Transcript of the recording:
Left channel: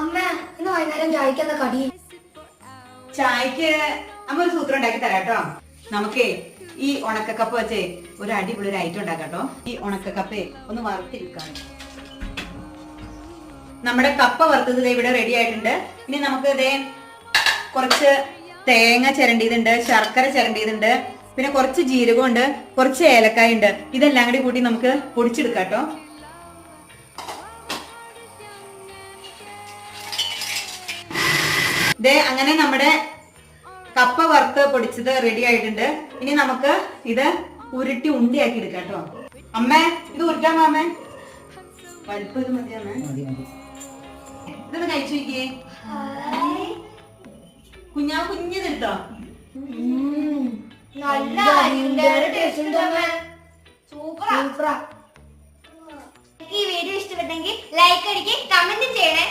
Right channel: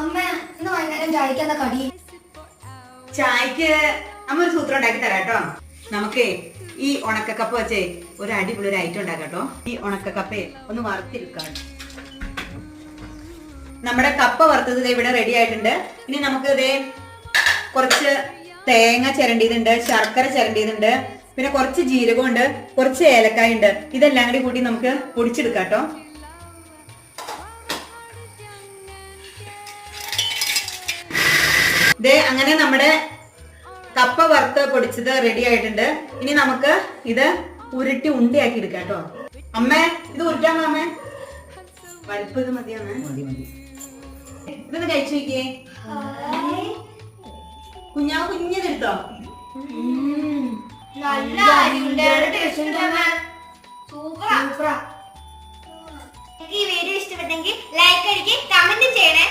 അമ്മ വൈകുന്നേരം ചായക്കുന്ന കടി? ചായക്ക് ഒരു സൂത്രം ഉണ്ടാക്കി തരാം കേട്ടോ. നമുക്ക് ഈ ഉണക്കക്കപ്പ വെച്ചേ ഒരു അടിപൊളി ഒരു ഐറ്റം ഉണ്ടാക്കാം കേട്ടോ. ഈ ഉണക്കക്കപ്പേ ഒന്ന് വറുത്തിരിക്കാം നമ്മുടെ കപ്പ വറുത്തത് ഇവിടെ റെഡി ആയിട്ടുണ്ട്. ഇനി നമുക്ക് ഇതേ കുറച്ച് തേങ്ങ ചിരണ്ടിയതുണ്ട് ശർക്കര ചിരണ്ടിയതുണ്ട് പിന്നെ കുറച്ച് ജീരകമുണ്ട് കുറച്ച് ഏലക്കായ ഉണ്ട് ഇതെല്ലാം കൂടി കൂട്ടി നമുക്ക് പൊടിച്ചെടുക്കാം കേട്ടോ. ദേ അങ്ങനെ നമ്മുടെ കപ്പ വറുത്ത് പൊടിച്ചത് റെഡി ആയിട്ടുണ്ട്. ഇനി നമുക്ക് ഇത് ഉരുട്ടി ഉണ്ടിയാക്കി എടുക്കാം കേട്ടോ. അമ്മേ ഇത് ഉരുട്ടാൻ അമ്മേ. വലിപ്പം ഇത് മതി അമ്മേ ഇതൊന്ന് കഴിച്ചു നോക്കിയേ. കുഞ്ഞാ കുഞ്ഞിതെടുത്തോ നല്ല സൂപ്പറാ. ഈ വീഡിയോ ഇഷ്ടപ്പെട്ടെങ്കിൽ ലൈക്ക് അടിക്കുക കമന്റ് ചെയ്യണേ.